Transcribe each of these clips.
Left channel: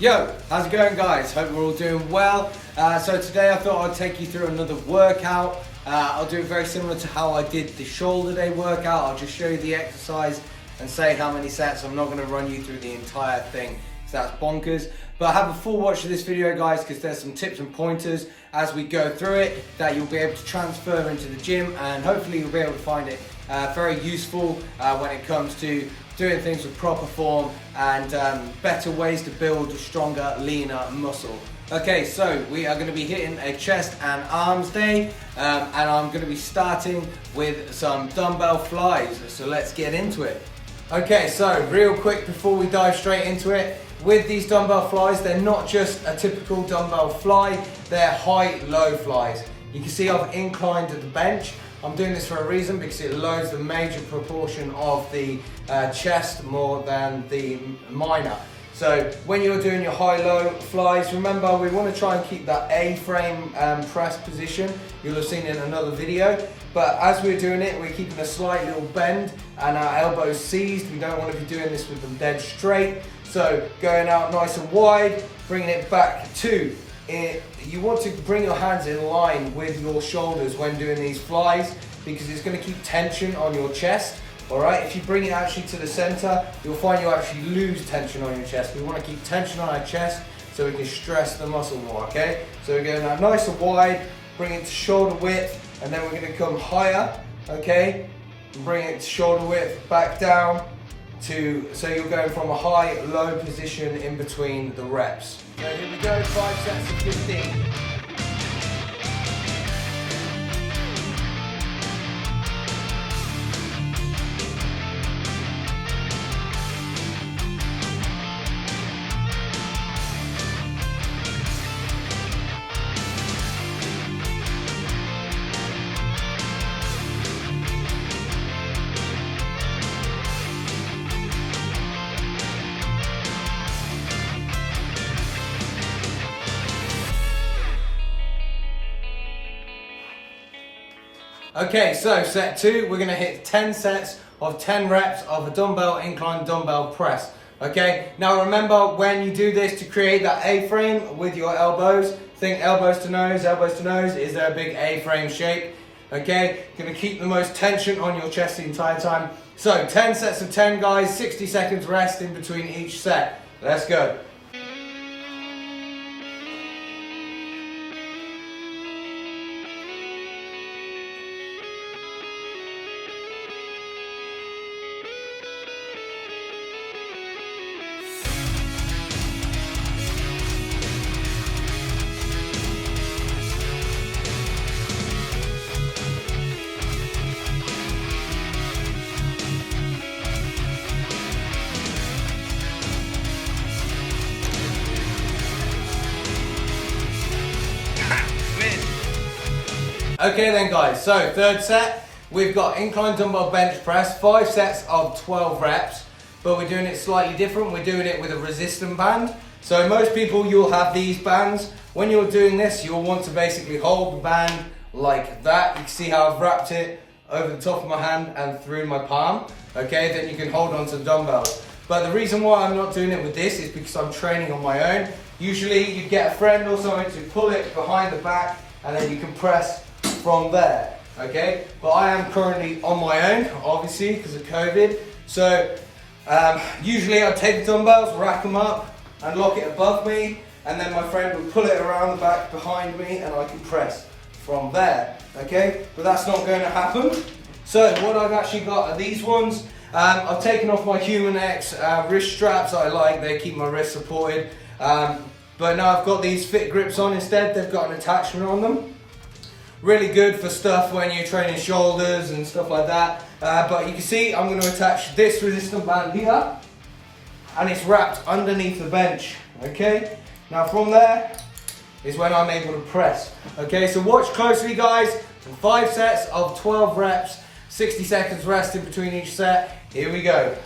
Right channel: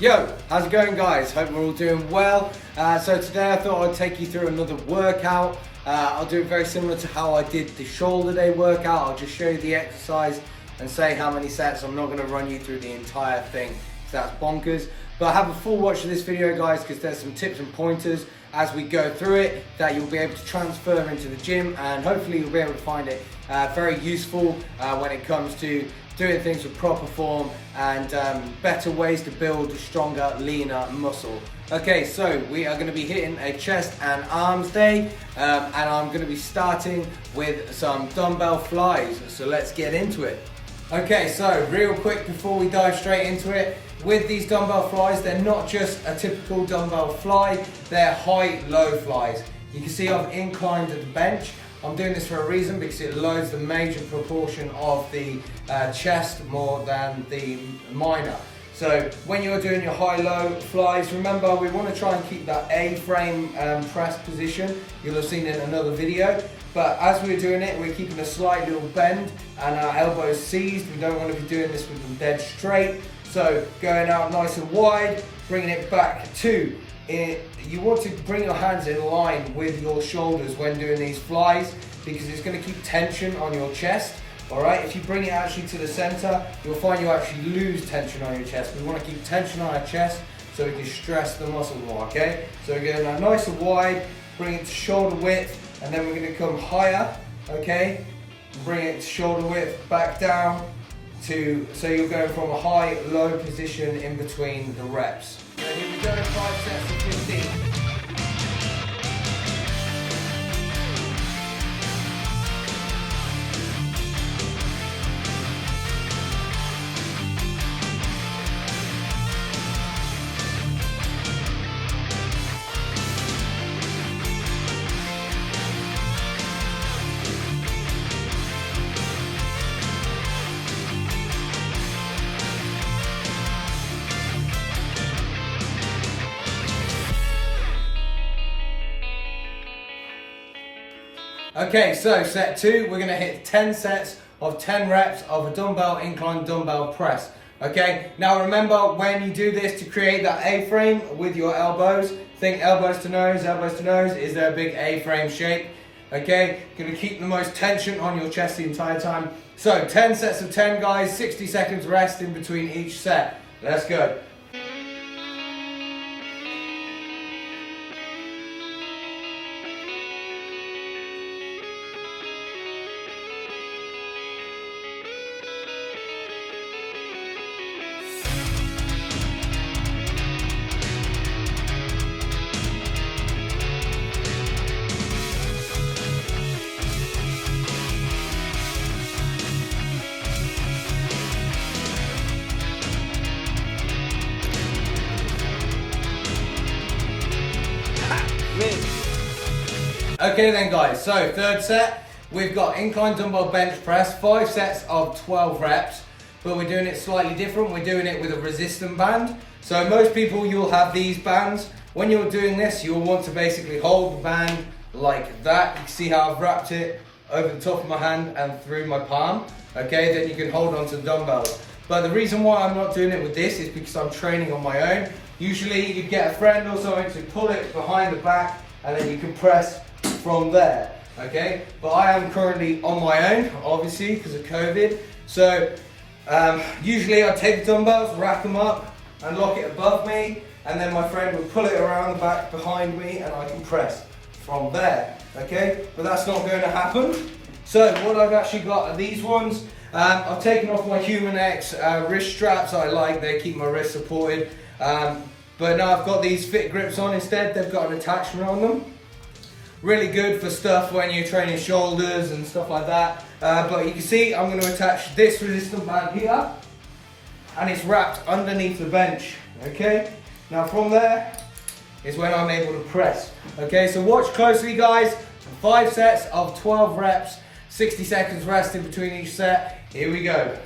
Yo, how's it going guys? Hope we're all doing well. So today I thought I'd take you through another workout. I'll do it very similar to how I did the shoulder day workout. I'll just show you the exercise and say how many sets. I'm not going to run you through the entire thing, because that's bonkers. But have a full watch of this video guys, because there's some tips and pointers as we go through it that you'll be able to transfer into the gym, and hopefully you'll be able to find it very useful when it comes to doing things with proper form and better ways to build stronger, leaner muscle. Okay, so we are going to be hitting a chest and arms day, and I'm going to be starting with some dumbbell flies. So let's get into it. Okay, so real quick before we dive straight into it, with these dumbbell flies, they're not just a typical dumbbell fly, they're high-low flies. You can see I've inclined the bench. I'm doing this for a reason, because it loads the major proportion of the chest more than the minor. So when you're doing your high-low flies, remember we want to try and keep that A-frame press position. You'll have seen in another video. But as we're doing it, we're keeping a slight little bend and our elbows seized. We don't want to be doing this with them dead straight. So going out nice and wide, bringing it back to it. You want to bring your hands in line with your shoulders when doing these flies, because it's going to keep tension on your chest. Alright, if you bring it actually to the center, you'll find you actually lose tension on your chest. We want to keep tension on our chest so we can stress the muscle more, okay? So we're going out nice and wide, bring it to shoulder width, and then we're going to come higher, okay? Bring it to shoulder width, back down to, so you're going from a high-low position in between the reps. So here we go, 5 sets of 15. Okay, so set 2, we're going to hit 10 sets of 10 reps of a dumbbell incline dumbbell press. Okay, now remember when you do this, to create that A-frame with your elbows, think elbows to nose, is there a big A-frame shape? Okay, going to keep the most tension on your chest the entire time. So 10 sets of 10 guys, 60 seconds rest in between each set. Let's go. Okay then guys, so third set, we've got incline dumbbell bench press, 5 sets of 12 reps, but we're doing it slightly different. We're doing it with a resistance band. So most people, you'll have these bands. When you're doing this, you'll want to basically hold the band like that. You can see how I've wrapped it over the top of my hand and through my palm. Okay, then you can hold on to the dumbbells. But the reason why I'm not doing it with this is because I'm training on my own. Usually you get a friend or something to pull it behind the back, and then you can press from there, okay? But I am currently on my own, obviously, because of COVID. So usually I take the dumbbells, rack them up, and lock it above me, and then my friend will pull it around the back behind me, and I can press from there, okay? But that's not going to happen. So what I've actually got are these ones. I've taken off my Human X wrist straps. I like, they keep my wrist supported. But now I've got these fit grips on instead. They've got an attachment on them. Really good for stuff when you're training shoulders and stuff like that. But you can see I'm going to attach this resistance band here, and it's wrapped underneath the bench. Okay, now from there is when I'm able to press. Okay, so watch closely guys. 5 sets of 12 reps, 60 seconds rest in between each set. Here we go.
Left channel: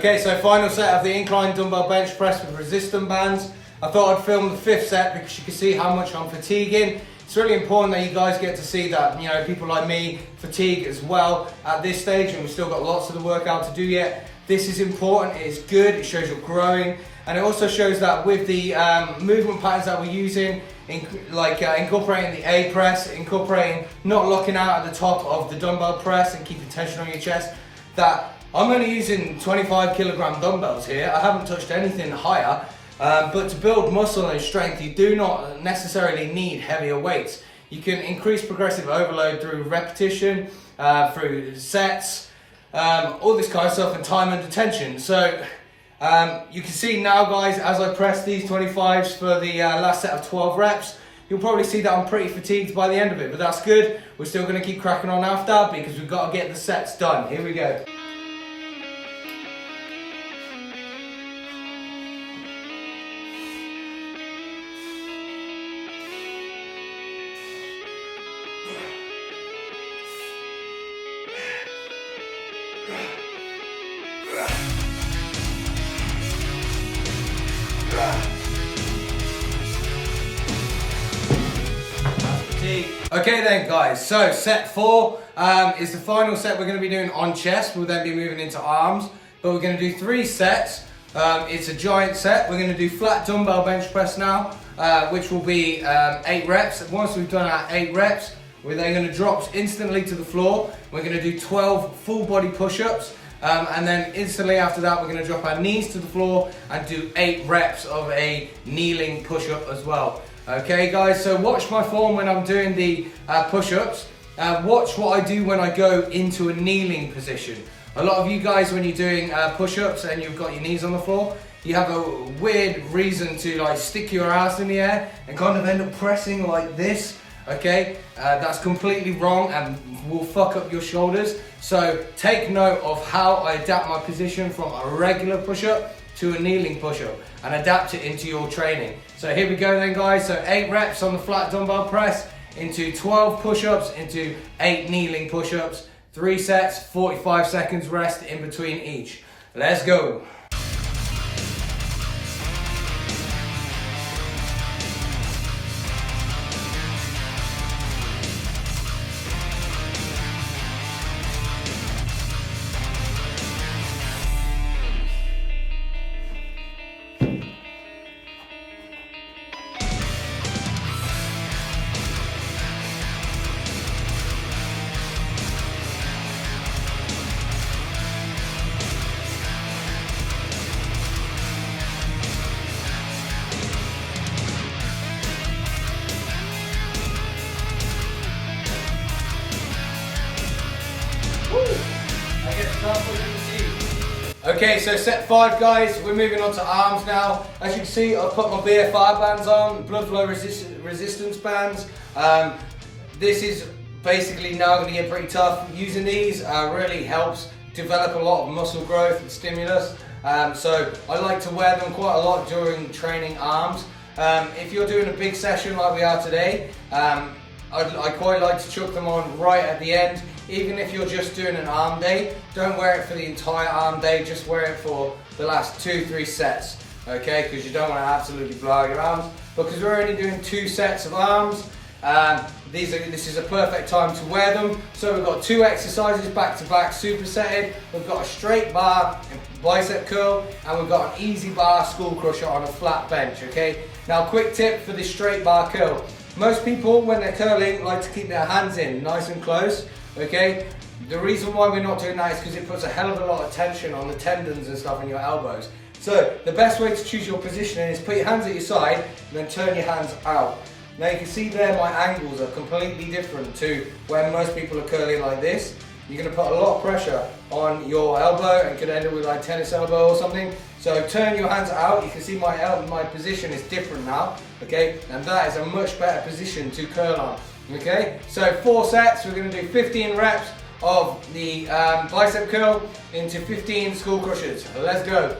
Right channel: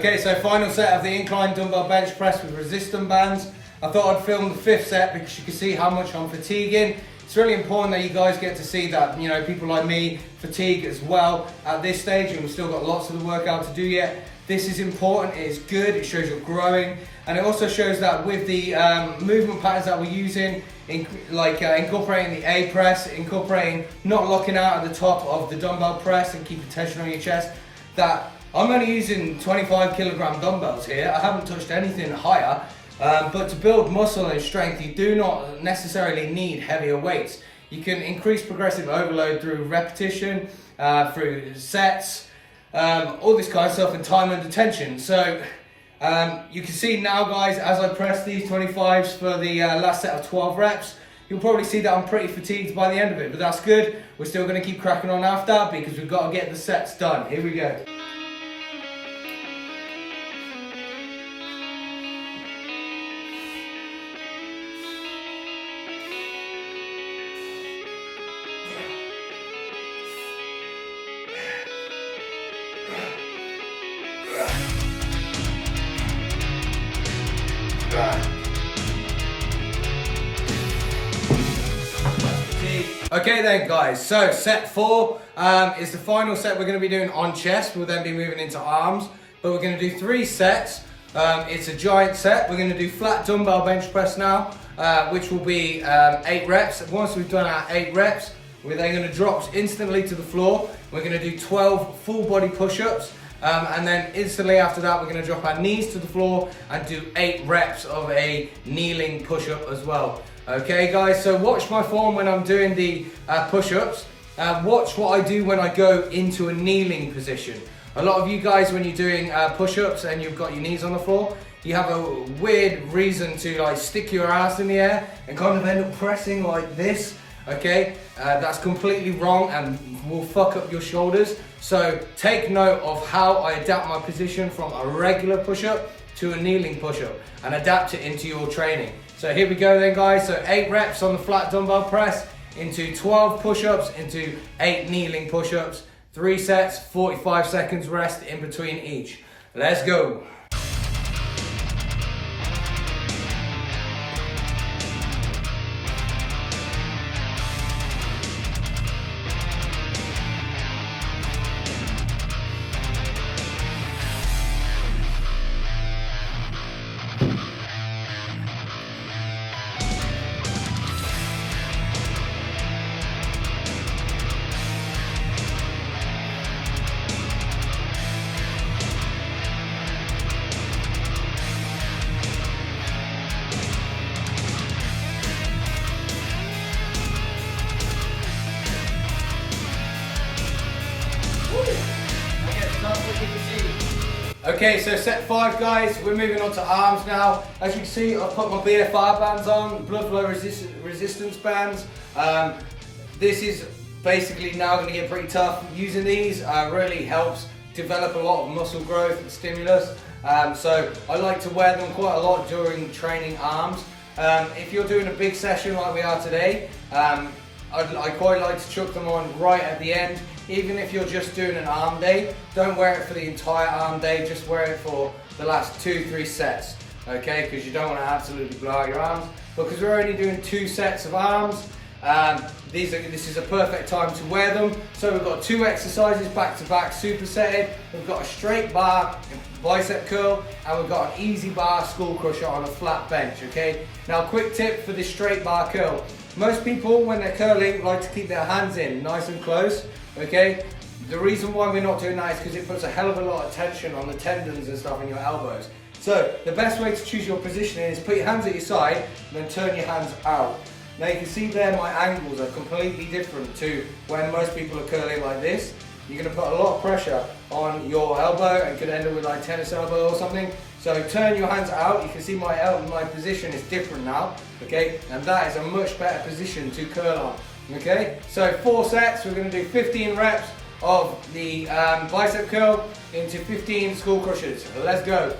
Okay, so final set of the incline dumbbell bench press with resistance bands. I thought I'd film the 5th set because you can see how much I'm fatiguing. It's really important that you guys get to see that, you know, people like me fatigue as well at this stage, and we've still got lots of the workout to do yet. This is important, it is good, it shows you're growing, and it also shows that with the movement patterns that we're using, incorporating the A press, incorporating not locking out at the top of the dumbbell press and keeping tension on your chest, that I'm only using 25 kilogram dumbbells here. I haven't touched anything higher, but to build muscle and strength, you do not necessarily need heavier weights. You can increase progressive overload through repetition, through sets, all this kind of stuff, and time under tension. So you can see now, guys, as I press these 25s for the last set of 12 reps, you'll probably see that I'm pretty fatigued by the end of it, but that's good. We're still going to keep cracking on after because we've got to get the sets done. Here we go. Okay then, guys, so set 4 is the final set we're going to be doing on chest. We'll then be moving into arms, but we're going to do 3 sets. It's a giant set. We're going to do flat dumbbell bench press now, which will be 8 reps. Once we've done our 8 reps, we're then going to drop instantly to the floor. We're going to do 12 full body push-ups, and then instantly after that, we're going to drop our knees to the floor and do 8 reps of a kneeling push-up as well. Okay, guys, so watch my form when I'm doing the push-ups. Watch what I do when I go into a kneeling position. A lot of you guys, when you're doing push-ups and you've got your knees on the floor, you have a weird reason to like stick your ass in the air and kind of end up pressing like this. Okay, that's completely wrong and will fuck up your shoulders. So take note of how I adapt my position from a regular push-up to a kneeling push-up and adapt it into your training. So here we go then, guys. So 8 reps on the flat dumbbell press, into 12 push-ups, into 8 kneeling push-ups, 3 sets, 45 seconds rest in between each. Let's go. Okay, so set 5, guys, we're moving on to arms now. As you can see, I've put my BFR bands on, blood flow resistance bands. This is basically now going to get pretty tough. Using these really helps develop a lot of muscle growth and stimulus. So I like to wear them quite a lot during training arms. If you're doing a big session like we are today, I quite like to chuck them on right at the end. Even if you're just doing an arm day, don't wear it for the entire arm day, just wear it for the last 2-3 sets, okay? Because you don't want to absolutely blow out your arms. Because we're only doing 2 sets of arms, this is a perfect time to wear them. So we've got 2 exercises back to back, supersetted. We've got a straight bar bicep curl, and we've got an easy bar skull crusher on a flat bench, okay? Now, quick tip for this straight bar curl. Most people, when they're curling, like to keep their hands in nice and close, okay? The reason why we're not doing that is because it puts a hell of a lot of tension on the tendons and stuff in your elbows. So the best way to choose your positioning is put your hands at your side and then turn your hands out. Now you can see there my angles are completely different to when most people are curling like this. You're going to put a lot of pressure on your elbow and could end up with like tennis elbow or something. So turn your hands out. You can see my position is different now, okay? And that is a much better position to curl on, okay? So 4 sets, we're going to do 15 reps of the bicep curl into 15 skull crushers. Let's go.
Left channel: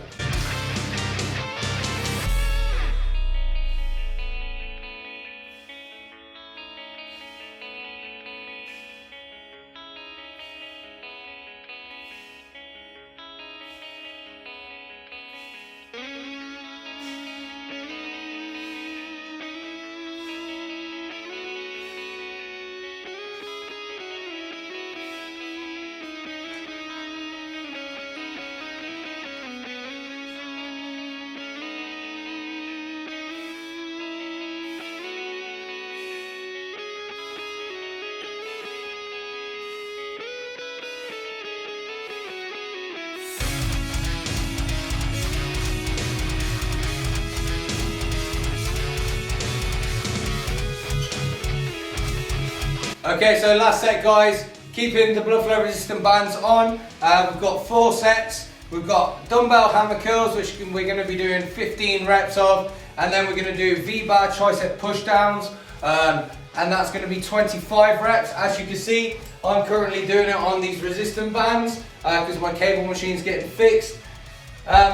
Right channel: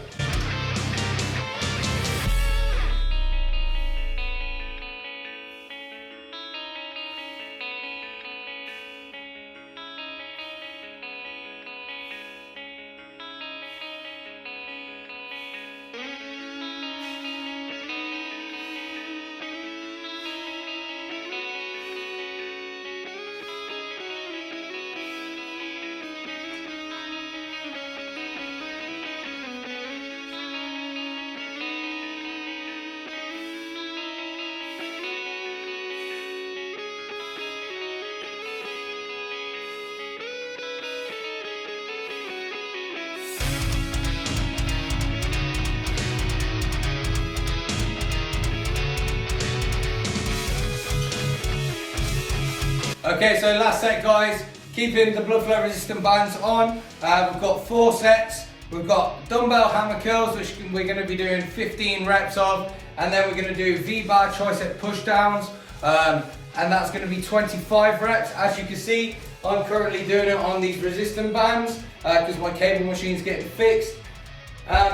Okay, so last set, guys, keeping the blood flow resistant bands on. We've got 4 sets. We've got dumbbell hammer curls, which we're going to be doing 15 reps of, and then we're going to do V-bar tricep push downs, and that's going to be 25 reps. As you can see, I'm currently doing it on these resistant bands because my cable machine's getting fixed.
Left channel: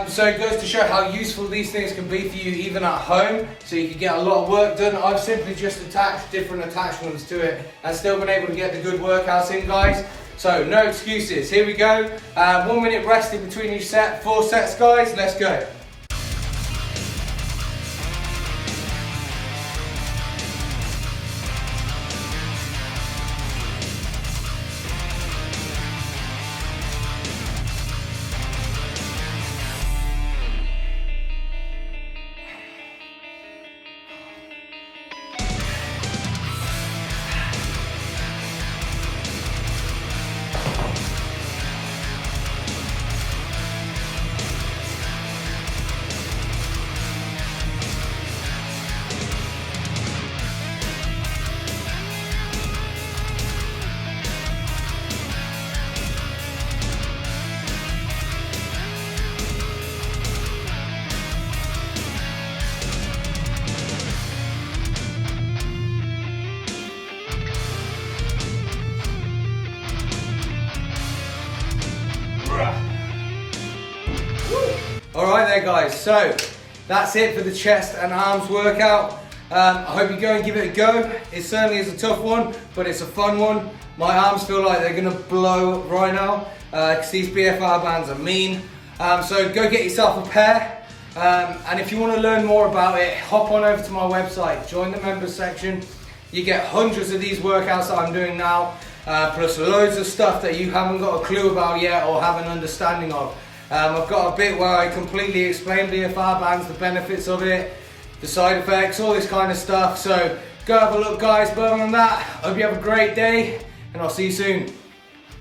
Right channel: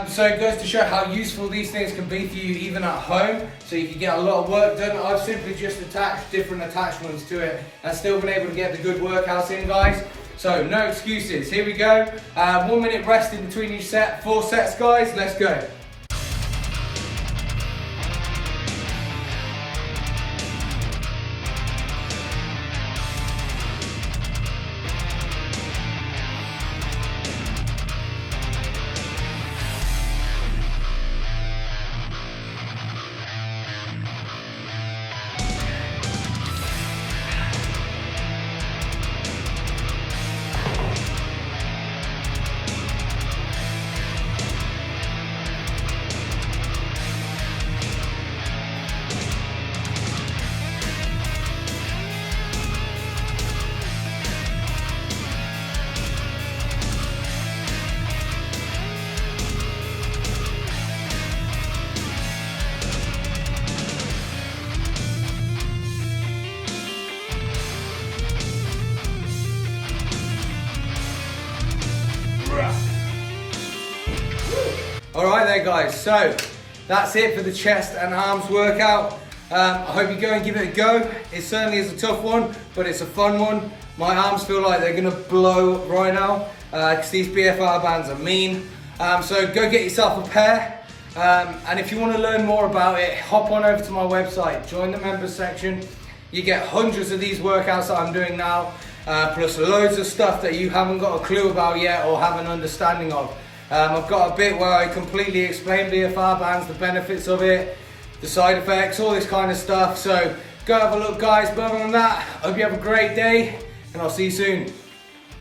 So it goes to show how useful these things can be for you even at home, so you can get a lot of work done. I've simply just attached different attachments to it and still been able to get the good workouts in, guys. So no excuses, here we go. 1 minute rest in between each set, 4 sets, guys, let's go. Alright there, guys, so that's it for the chest and arms workout. I hope you go and give it a go. It certainly is a tough one, but it's a fun one. My arms feel like they're going to blow right now because these BFR bands are mean. So go get yourself a pair. And if you want to learn more about it, hop on over to my website, join the members section. You get hundreds of these workouts that I'm doing now, plus loads of stuff that you haven't got a clue about yet or have an understanding of. I've got a bit where I completely explain BFR bands, the benefits of it, the side effects, all this kind of stuff. So go have a look, guys. But other than that, I hope you have a great day and I'll see you soon.